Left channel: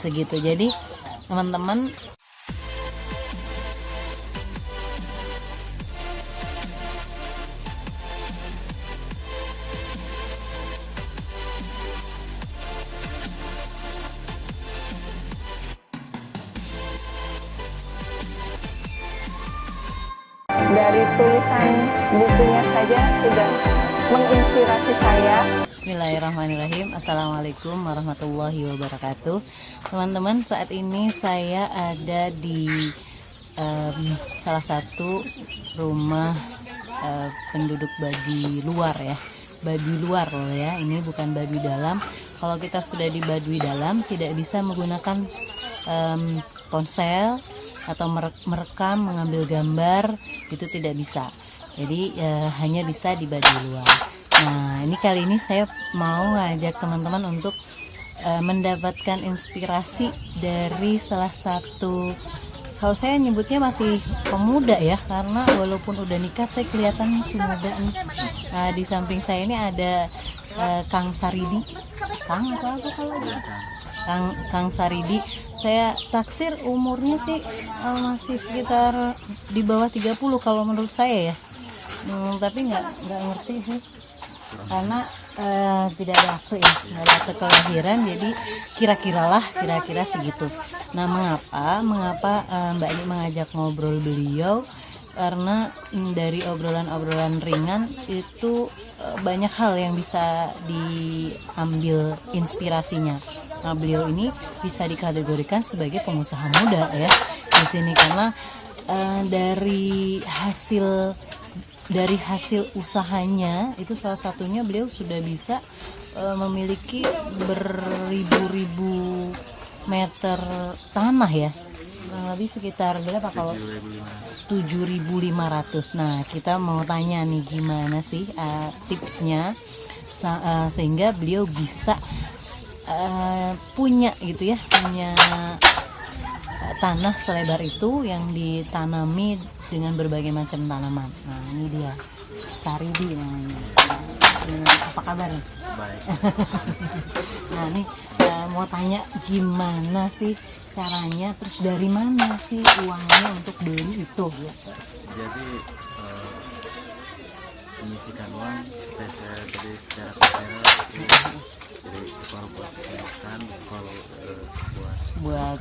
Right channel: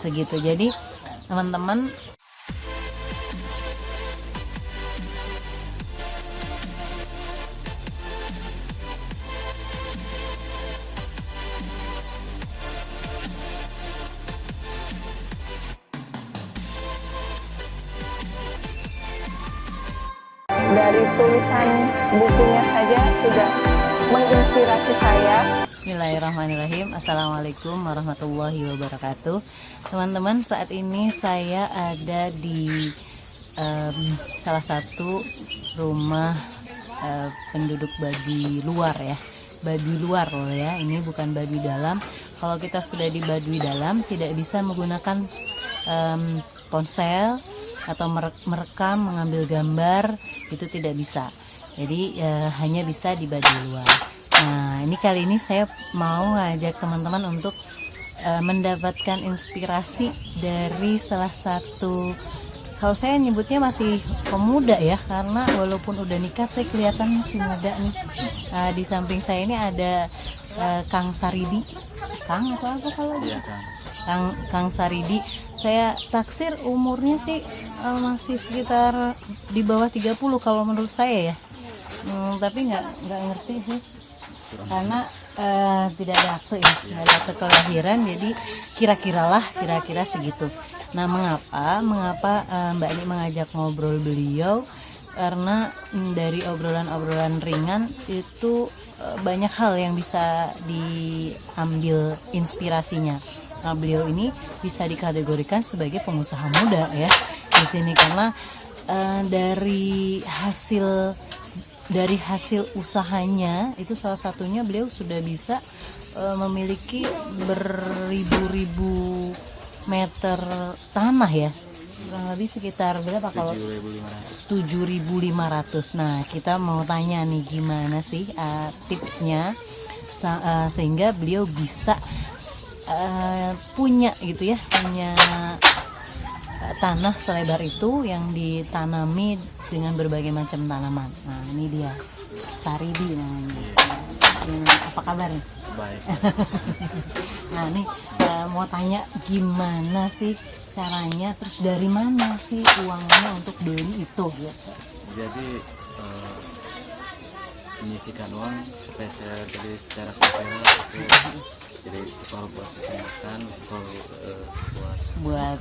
segitu. Jadi teman-teman dari tulisan bukunya saja sudah menginspirasi saya. Bismillahirrahmanirrahim. Assalamualaikum warahmatullahi wabarakatuh. Teman-teman, saat ini saya ada di salah satu rumah penduduk Baduy luar ya. Baduy luar loh ya, ini bukan Baduy dalam. Kalau kita sudah di Baduy dalam tidak bisa menggunakan ponsel atau merekam, mengambil gambar, itu tidak bisa. Jadi hanya bisa di Baduy luar. Nah, ini kali ini saya mau ngajak teman-teman untuk mendapatkan inspirasi dari salah satu, kalau saya nyebutnya masih pemuda ya, karena walaupun udah nikah tapi kelihatan masih muda nih. Di samping saya ini ada Kang Saridi. Kang atau apa kalau Kang Saridi. Saya taksir umurnya sih masih sekitar di bawah 30 kalau menurut saya ya. Tapi nggak ngerti sih, karena tidak ada akte ya, nggak ada akte kelahiran, jadi kira-kira segitu. Nah, mengapa Mbak Ani mengajak ngobrol beliau? Karena dari obrolan-obrolan ringan itu banyak hal yang bisa diambil inspirasinya. Nah, beliau ini bisa dikategorikan sebagai pengusaha muda ya di sini, karena dari hasil usahanya itu salah satunya beliau sudah bisa memiliki beribu-ribu meter tanah ya, kurang lebih sekitar berapa kalau 7.500. Nah, kita mau tanya nih gimana sih tipsnya sehingga beliau bisa punya gitu ya, punya tanah selebar itu yang ditanami dengan berbagai macam tanaman. Nah, ini dia Saridi namanya. Apa kabar nih? Baik. Nah, nih mau tanya gimana sih caranya, terus dari mana sih uangnya untuk beli itu gitu. Jadi menyisikan uang supaya saya beli secara komersial. Jadi separuh buat makan, separuh buat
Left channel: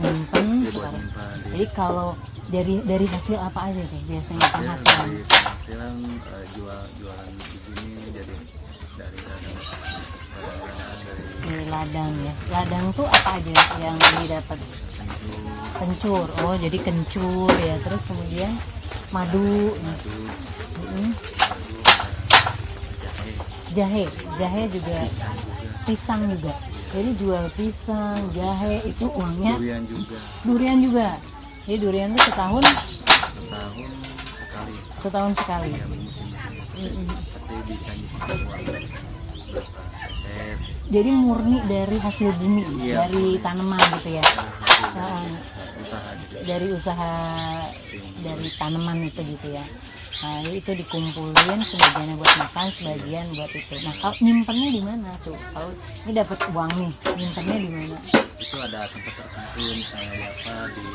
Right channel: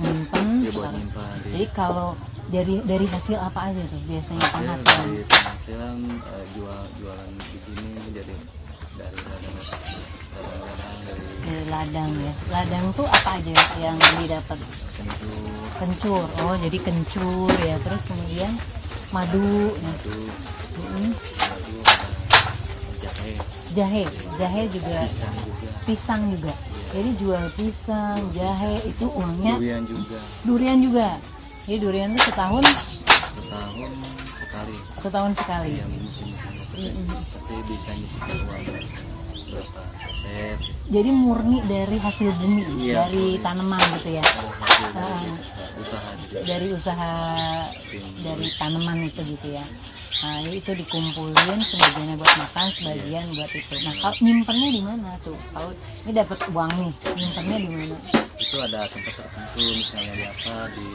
nyimpen. Ya, buat nyimpen. Jadi kalau dari hasil apa aja tuh biasanya penghasilan? Dari penghasilan jualan di sini, jadi dari ladang ya. Ladang tuh apa aja yang didapat? Kencur. Oh, jadi kencur ya. Terus kemudian madu. Jahe juga, pisang juga. Jadi jual pisang, jahe, itu uangnya. Durian juga. Jadi durian itu setahun sekali. Ya, tapi bisa nyisikan uang berapa persen. Jadi murni dari hasil bumi, dari tanaman gitu ya. Usaha juga. Dari usaha dari tanaman itu gitu ya. Nah, itu dikumpulin, sebagiannya buat makan, sebagian buat itu. Nah, kalau nyimpennya di mana tuh? Kalau ini dapat uang nih, nyimpennya di mana? Itu ada tempat tertentu, misalnya di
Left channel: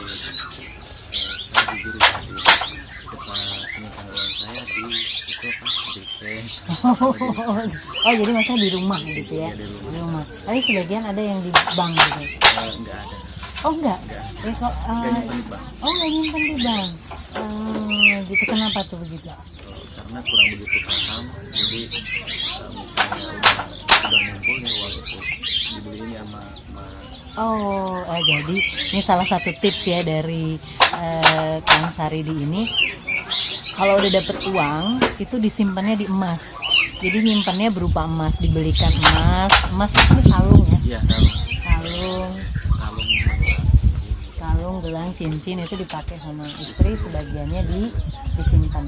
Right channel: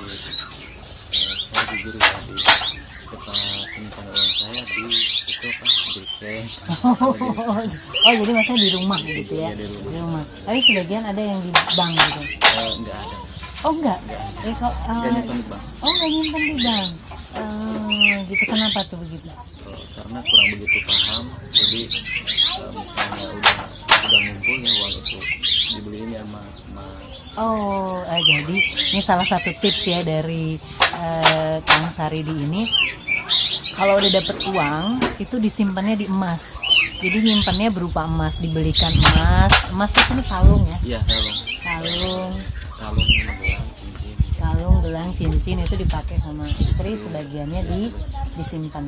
saya jujur tadi tempat penyimpanan uang saya di itu apa? Di bank. Oh, jadi maksudnya di rumah gitu ya? Di rumah. Tapi sebagian ada yang di bank gitu? Enggak ada. Oh, enggak? Enggak nyimpan di bank. Oh, enggak nyimpan di bank. Gitu, kenapa tuh begitu? Karena kurang begitu paham, jadi misalnya udah ngumpul ya uang itu dibeliin sama jadi ini salah satu tips ya dari Kang Saridi ini. Kalau udah dapet uang itu disimpannya di emas. Jadi nyimpannya berupa emas, dibelikan emas itu nih kalung ya? Iya, kalung, gelang, cincin itu dipakai sama istri, sebagiannya disimpan.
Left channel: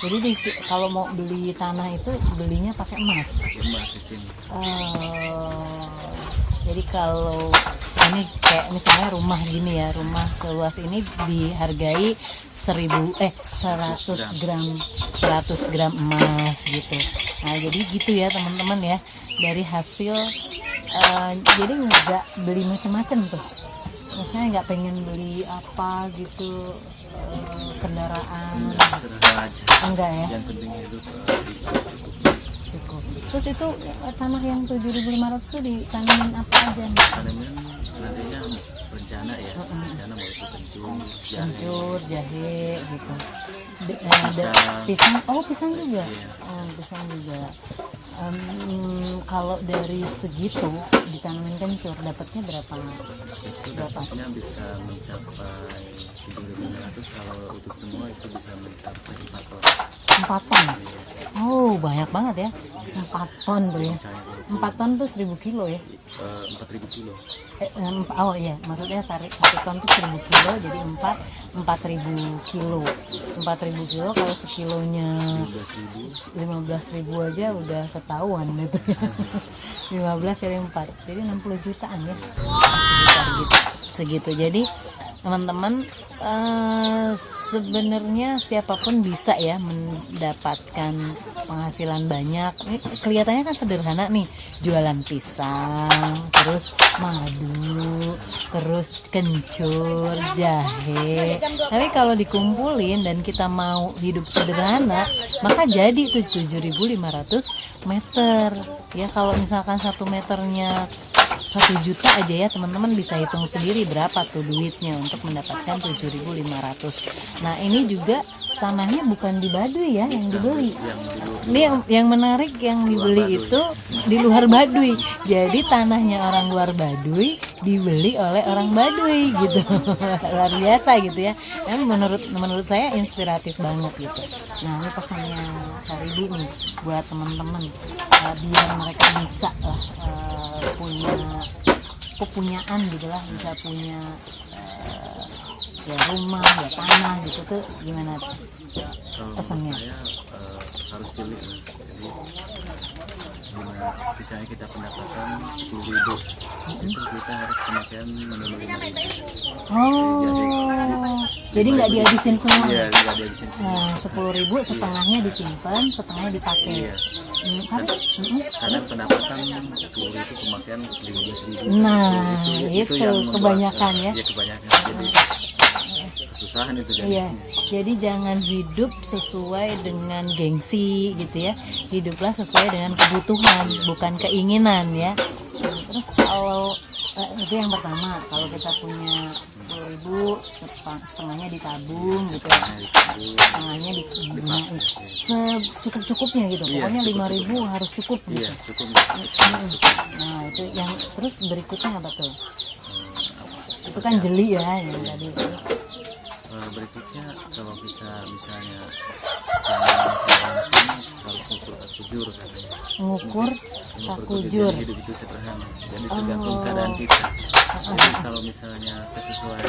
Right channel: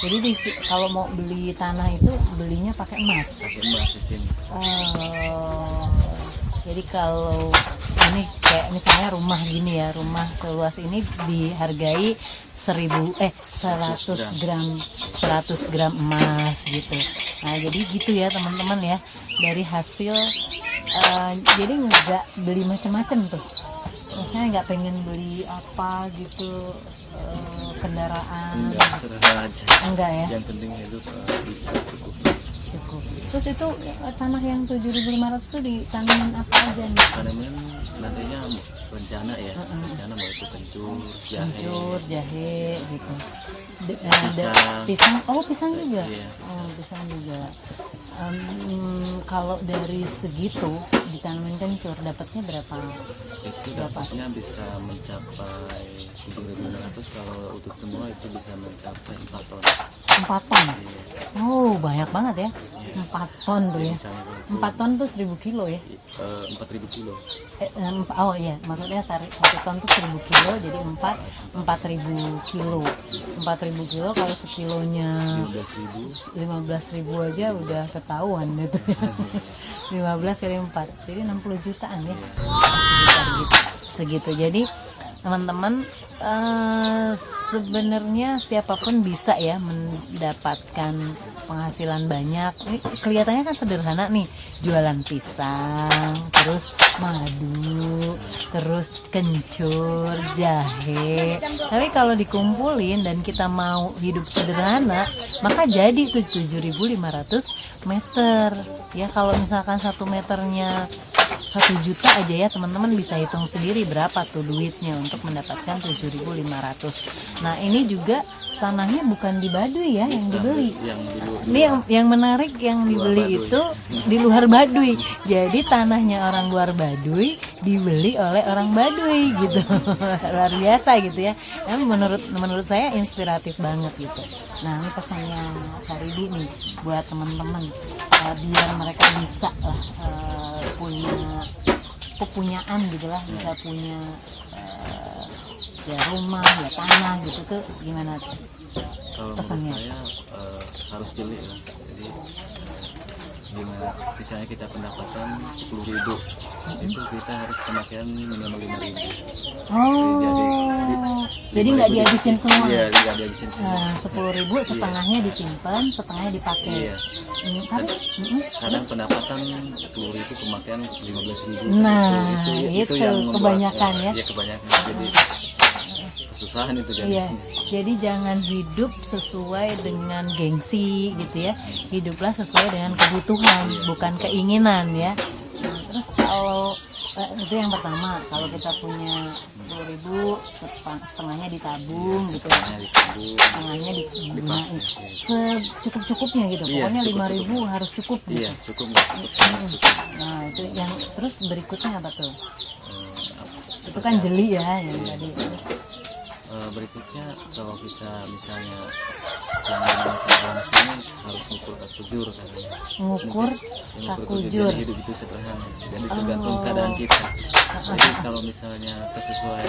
Jadi kalau mau beli tanah itu belinya pakai emas. Jadi kalau ini kayak misalnya rumah gini ya, rumah seluas ini dihargai 100 gram emas gitu. Nah, jadi gitu ya teman-teman ya, dari hasil jadi nggak beli macam-macam tuh. Maksudnya nggak pengen beli apa gitu, kendaraan. Sederhana aja. Enggak ya? Yang penting hidup bisa cukup. Cukup. Terus itu tanah yang 7.500 tuh ditanamin apa aja nih? Tanaman nantinya rencana ya, rencana mau itu Kencur, jahe gitu. Pisang. Pisang, oh pisang juga. Iya. Oh pisang juga. Kalau dari segitu ditanamin kencur dapatnya berapa? itu dapatnya bisa mencapai 7.500, kalau utuh semua itu bisa mencapai 4 ton. 4 ton. Oh banyak banget ya. 4 ton tuh ya. Misalnya kalau itu 4 ton tuh 1.000 kilo ya. 4.000 kilo. Oh iya, maksudnya 1 ton tuh 1.000 kilo, jadi 4.000 kilo. 4.000 kilo kalau sekilonya 15.000 aja udah ketahuan gitu ya. 15 kali 4, jadi 60 jutaan ya. Segitu. Jadi teman-teman, sebenarnya siapapun bisa ya mendapatkan penghasilan banyak. Ini kelihatannya kan sederhana nih, jualan pisang, terus madu, terus kencur, jahe. Tapi kalau dikumpulin dan kita mau hidup sederhana, maka jadi tuh 7.500 meter. Ya kalau misalkan 1 meternya 1 juta aja ya, teman-teman bisa hitung sendiri berapa tuh duitnya untuk mendapatkan 7.500. Nah ini juga tanahnya bukan di Baduy ya yang dibeli. Ini yang menarik, yang dibeli itu di luar Baduy. Jadi tanahnya orang luar Baduy dibeli oleh orang Baduy gitu. Luar biasa gitu ya. Menurut saya inspiratif banget gitu. Nah ini pesannya Saribi nih buat teman-teman, biar mereka bisa lah punya kepunyaan gitulah, bisa punya ya rumah, ya tanah gitu tuh gimana tuh pesannya? Saya harus jeli ya. Jadi misalnya kita pendapatan 10.000, itu kita harus pemakaian minimal 5.000. Oh, jadi nggak dihabisin semua? Iya, nggak dihabisin semua. 10.000 setengahnya disimpan, setengahnya dipakai. Iya. Tapi Karena pendapatan 10.000 pemakaian 15.000. nah itu yang membuat kebanyakan ya. Iya kebanyakan. Jadi kesusahan itu kan. Iya, jadi jangan hidup sesuai dengan gengsi gitu ya. Hiduplah sesuai dengan kebutuhan, bukan keinginan ya. Nah, terus kalau itu yang pertama, kalau kita punya 10.000, setengahnya ditabung gitu ya. Setengahnya digunain secukup-cukupnya gitu. Iya, Pokoknya cukup-cukup. 5.000 harus cukup gitu. Iya, cukup. Nah, itu yang terus berikutnya apa tuh? Itu kan jeli ya yang tadi. Berikutnya kalau kita misalnya yang namanya langsung harus ngukur takujur kan. Ngukur takujur. Hidup itu sederhana. Jadi tergantung keadaan kita. Jadi kalau misalnya sesuai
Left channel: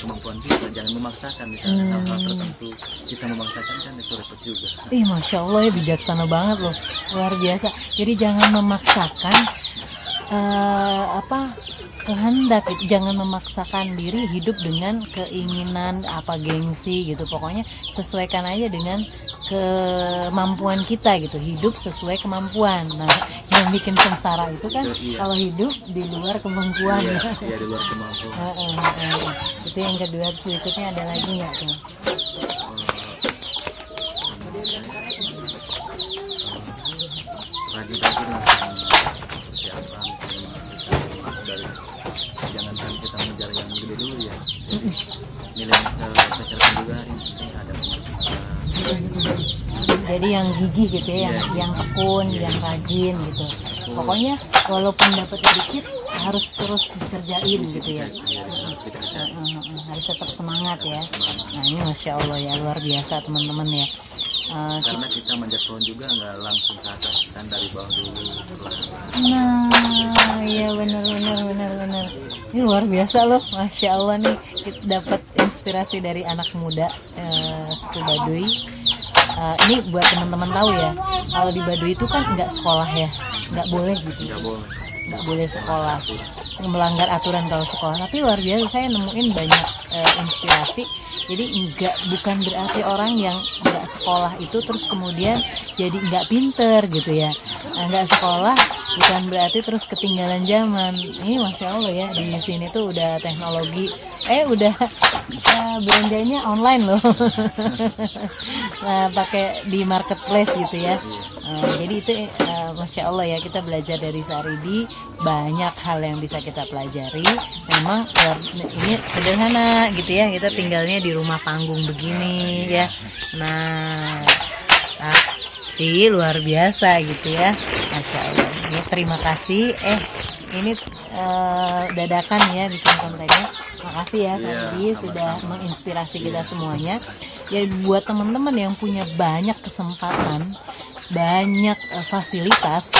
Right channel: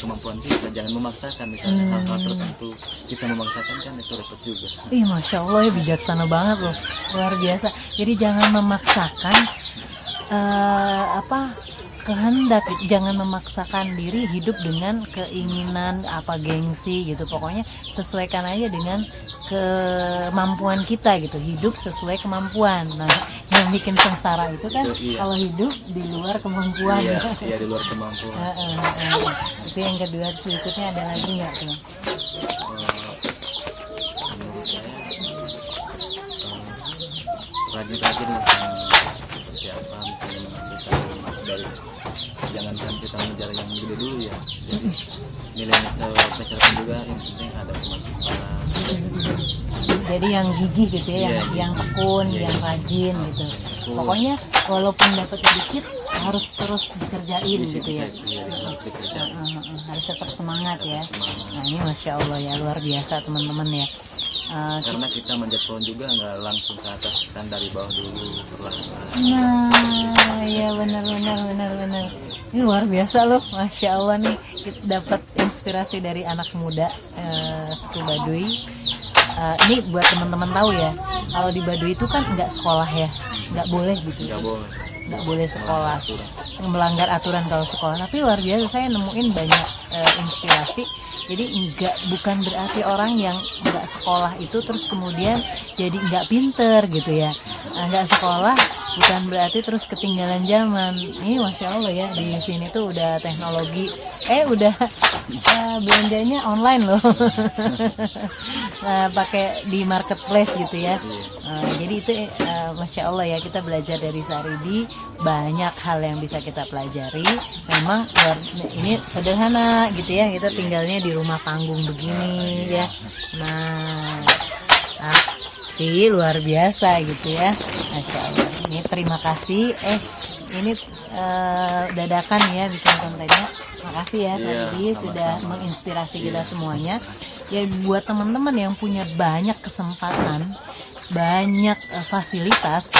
kemampuan kita, jangan memaksakan misalnya hal-hal tertentu kita memaksakan kan itu repot juga. Ih, masya Allah ya, bijaksana banget loh, luar biasa. Jadi jangan memaksakan kehendak gitu. Jangan memaksakan diri hidup dengan keinginan apa gengsi gitu. Pokoknya sesuaikan aja dengan kemampuan kita gitu. Hidup sesuai kemampuan. Nah, yang bikin sengsara itu kan Iya. kalau hidup di luar kemampuan. Iya, Ya. iya di luar kemampuan. Itu yang kedua. Terus berikutnya ada lagi nggak tuh? Menurut saya rajin-rajin lah, seperti apa misalnya menghasilkan dari, jangankan kita mengejar yang gede dulu ya. Jadi nilai kesehatan juga yang penting ada pemasukan. Jadi yang gigih gitu ya, yang tekun, yang rajin gitu. Pokoknya walaupun dapatnya dikit harus terus dikerjain gitu ya. Harus tetap semangat ya. Nah ini masya Allah ya, luar biasa teman-teman ya. Karena kita manjat pohon juga nggak langsung ke atas, kan dari bawah dulu perlahan. Nah, iya benar. Ini luar biasa loh, masya Allah nih, kita dapat inspirasi dari anak muda suku Baduy. Ini buat teman-teman tahu ya, kalau di Baduy itu kan nggak sekolah ya, nggak boleh gitu, nggak boleh sekolah, melanggar aturan kalau sekolah. Tapi luar biasa, saya nemuin banyak inspirasi. Jadi bukan berarti orang yang nggak sekolah itu terus kemudian jadi nggak pinter gitu ya. Nggak sekolah bukan berarti terus ketinggalan zaman. Ini masya Allah ya, di sini tuh udah teknologi, udah belanjanya online loh. Nah, pakai di marketplace gitu ya. Jadi itu masya Allah ya, kita belajar dari Saridi, banyak hal yang bisa kita pelajari. Memang ini sederhana gitu ya, kita tinggalnya di rumah panggung begini ya. Nah, tapi luar biasa gitu ya, masya Allah. Ya, terima kasih. Ini dadakan ya bikin kontennya. Makasih ya tadi sudah menginspirasi kita semuanya. Ya buat teman-teman yang punya banyak kesempatan, banyak fasilitas,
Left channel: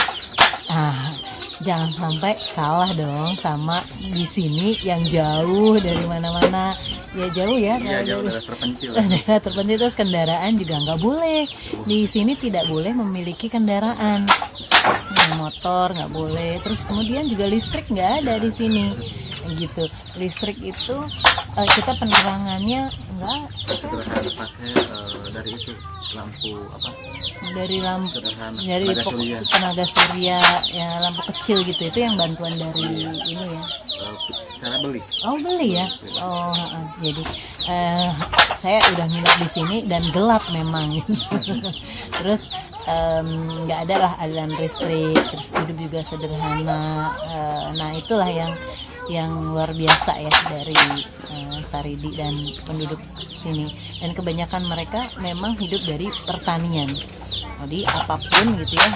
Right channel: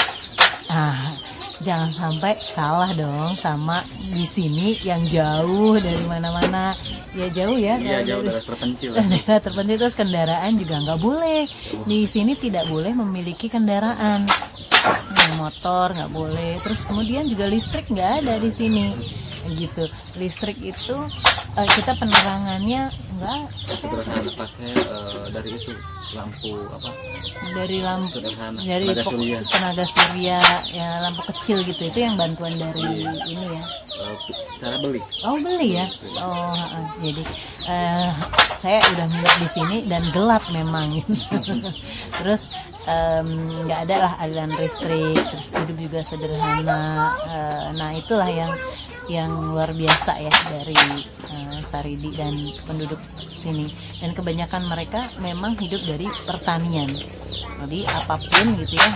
jangan sampai kalah dong sama di sini yang jauh dari mana-mana. Ya jauh ya, daerah terpencil. Daerah terpencil, terus kendaraan juga nggak boleh. Di sini tidak boleh memiliki kendaraan, motor nggak boleh. Terus kemudian juga listrik nggak ada di sini, gitu. Listrik itu kita penerangannya nggak sederhana, pakai dari itu lampu apa? Dari lampu, Sederhana. dari tenaga surya ya, lampu kecil gitu. Itu yang bantuan dari ini ya. Cara beli. Oh beli ya. Oh jadi saya udah nginep di sini dan gelap memang. Terus nggak ada lah aliran listrik, terus hidup juga sederhana. Nah itulah yang luar biasa ya dari Saridi dan penduduk sini. Dan kebanyakan mereka memang hidup dari pertanian. Jadi apapun gitu ya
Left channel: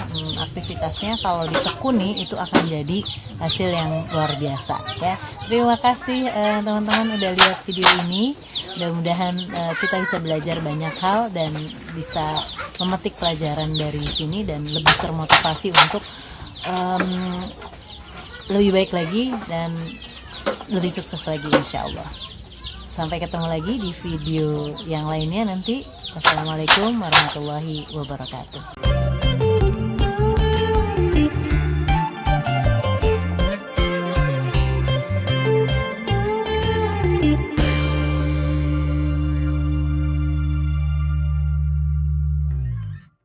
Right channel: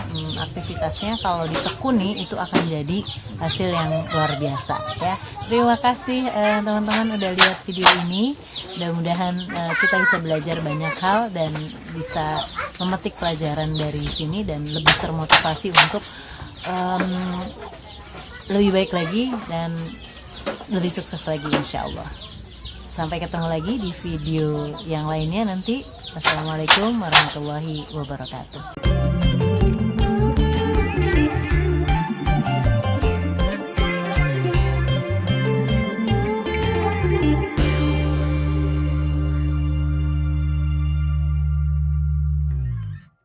aktivitasnya, kalau ditekuni itu akan jadi hasil yang luar biasa ya. Terima kasih teman-teman udah lihat video ini. Mudah-mudahan kita bisa belajar banyak hal dan bisa memetik pelajaran dari sini dan lebih termotivasi untuk lebih baik lagi dan lebih sukses lagi insya Allah. Sampai ketemu lagi di video yang lainnya nanti. Wassalamualaikum warahmatullahi wabarakatuh.